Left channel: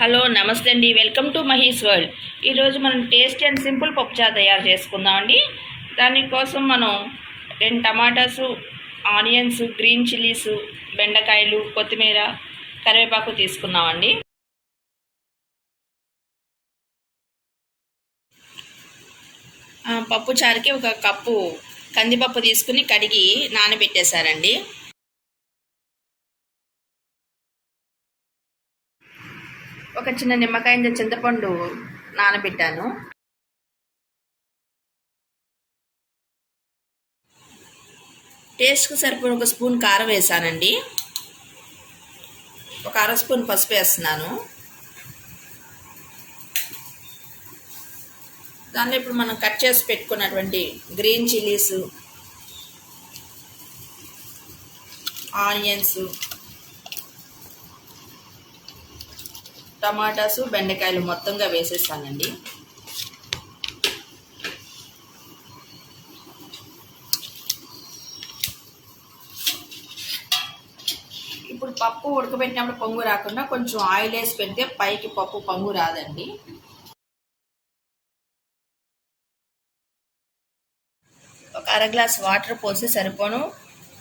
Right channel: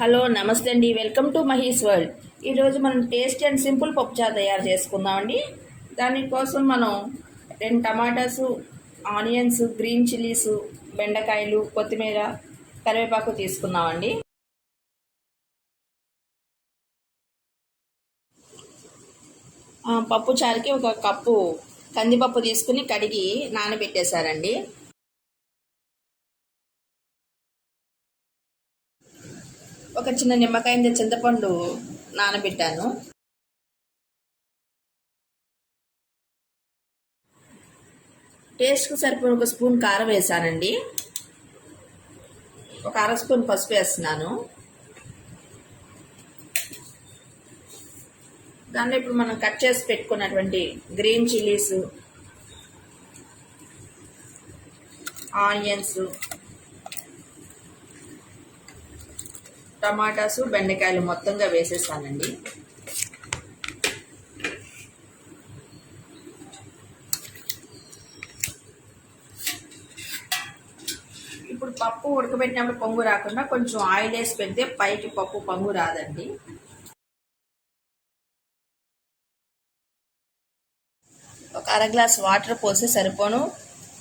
Hello నమస్తే అండి, welcome to Mahi's world. ఈరోజు మనం టేస్టీ అండ్ సింపుల్ పప్పుచారు తయారు చేసుకుందామండి. దానికోసం మనం 2 టమాటాసు, ఆనియన్స్, గ్రీన్ చిల్లీస్, బెండకాయలు, కొత్తిమీర, కరివేపాకు తీసుకున్నామండి. పప్పుచారుకి 1 కప్పు కందిపప్పు తీసుకుని కడిగి నానబెట్టేశారండి. ఒక చిన్న నిమ్మకాయ చింతపండు నానబెట్టాను. టేస్ట్కి సరిపడి 1 స్పూన్ కారం వేసానండి. 1 అర స్పూన్ పసుపు వేస్తున్నాను. దానిలో ఇప్పుడు మనం కట్ చేసి పెట్టుకున్నటువంటి గ్రీన్ చిల్లీస్, ఆనియన్స్, టమాటాసు, బెండకాయలు మొత్తంగా వేసేసానండి. ఇప్పుడు పప్పు ఉడకబెట్టినప్పుడు పొంగు రాకుండా కొంచెం ఆయిల్ వేసి పెడితే పైకి పప్పు పొంగు రాదండి. ఒక అర గ్లాస్ వాటర్ పోసి సరిపోను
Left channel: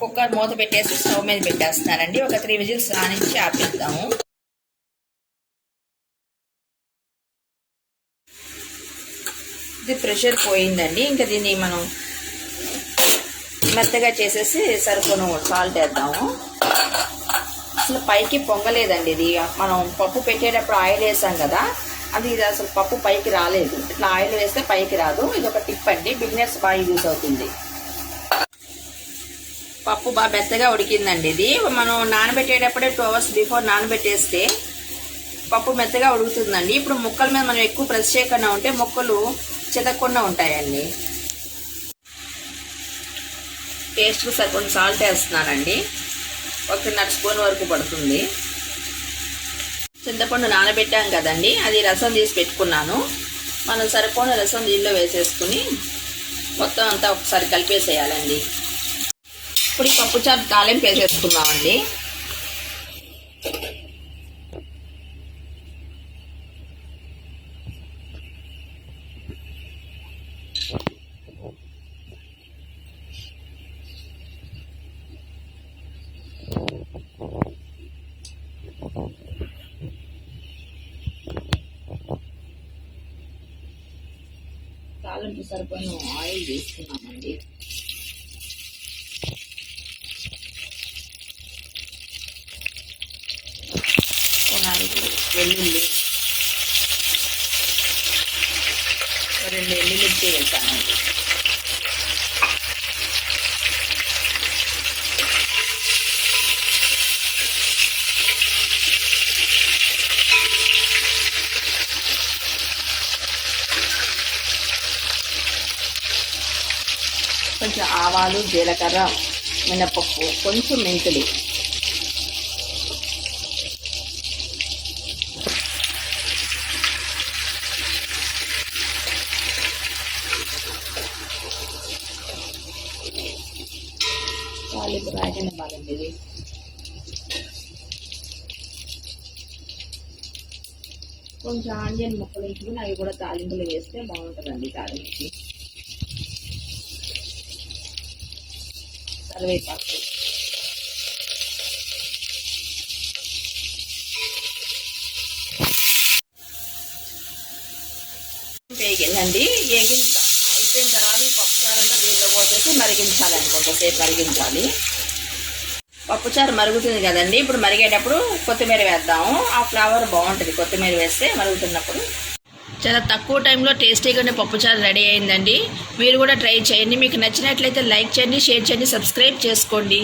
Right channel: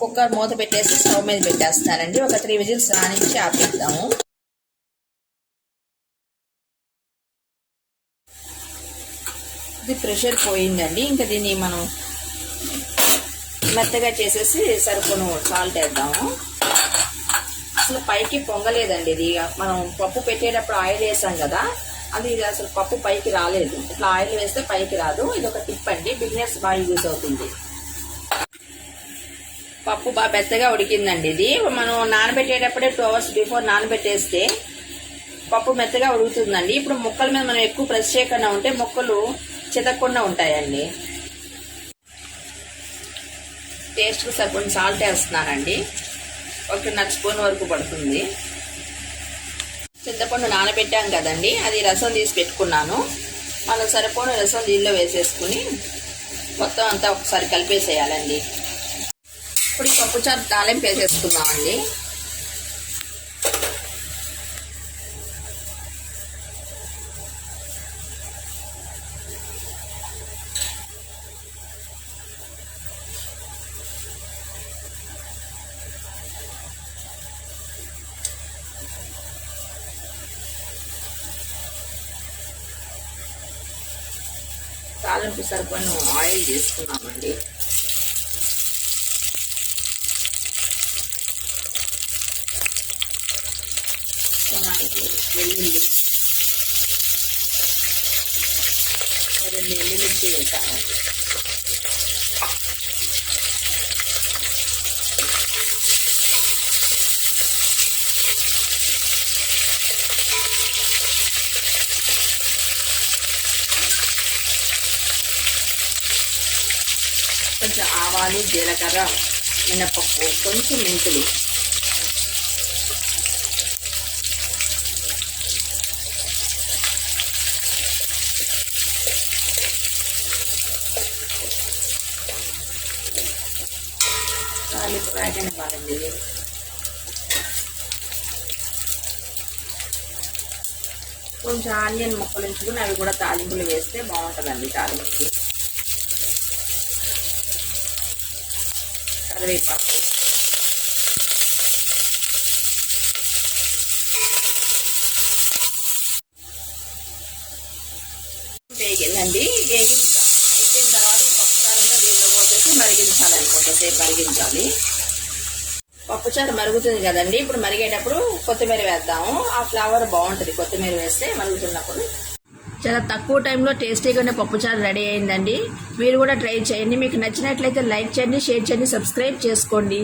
కుక్కర్ మూత పెట్టేసి స్టవ్ మీద పెట్టేస్తున్నానండి. ఒక 3 విజిల్స్ రానిచ్చి ఆపిద్దాము. ఇది ప్రెషర్ పోయిందండి. ఇంకా దీన్ని మనం మెత్తగా చేసేసి సరిపోను సాల్ట్ వేద్దాము. అసలు పైకి పొంగలేదండి. ఇది మనం పప్పు పెట్టేటప్పుడు ఆయిల్ వేసాం కదా, ఇది అసలు పప్పు పైకి రాలేదు. ఇట్లా ఆయిల్ వేస్తే పైకి రాదు. ఇది ఒక టిప్ అండి, బిగినర్స్ బాగా యూజ్ అవుతుంది. పప్పు బాగా మెత్తగా ఉడికిందండి. ఇది మనం నానబెట్టేటప్పుడే 2 అవర్స్ బిఫోర్ నానబెట్టేస్తే పప్పు మెత్తగా ఉడుకుతుందండి. ఇప్పుడు ముక్కల మీద మనం ఎక్కువ ప్రెస్ చేయకుండా ఉంటే ముక్కలు చితకకుండా ఉంటాయండి. టేస్ట్కి సరిపడిన సాల్ట్ వేస్తున్నానండి. 1.5 స్పూన్ వరకు పడుతుంది. చింతపండు నానబెట్టాం కదండి, అది రసం తీసి పెట్టుకున్నాను. మనం సరిపోయిన రసం దీనిలో వేసేసుకుని మొత్తం అంతా ఒకసారి కలిపేసేయాలండి. ఇప్పుడు ఈ పప్పుచారు తాలింపు వేసేసుకున్నామండి. తాలింపు సరిపోయిన ఆయిల్ తీసుకున్నామండి. వెల్లుల్లి 2 ఎండుమిర్చి వేసానండి. కొంచెం ఆవాలు, జీలకర్ర, మినపప్పు, కొంచెం మెంతులు, తాలింపు రాగనివ్వాలండి. ఇది కొంచెం ఆనియన్ ముక్కలు ఉంచుకుని అవి కూడా తాలింపులు వేస్తే బాగుంటుందండి. తాలింపుకి కరివేపాకు, వేగిందండి. అయిపోయిన తర్వాత పప్పుచారంతా దీనిలో పోసేసి మరిగించాలండి. కొంతసేపు మరిగించాలి. పప్పుచారు మరుగుతుంది కదండి, ఇప్పుడు మరిగేటప్పుడు కొత్తిమీర వేద్దాము. ఆ ఫ్లేవర్ బాగుంటుంది కొత్తిమీర వేస్తే మరుగుతున్నప్పుడు. చాలా తక్కువ టైంలో టేస్టీగానే పప్పుచారు రెడీ అయిందండి. మీరు కూడా ట్రై చేయండి. మీకు నచ్చినట్లయితే లైక్ చేయండి, షేర్ చేయండి, సబ్స్క్రైబ్ చేసుకోండి.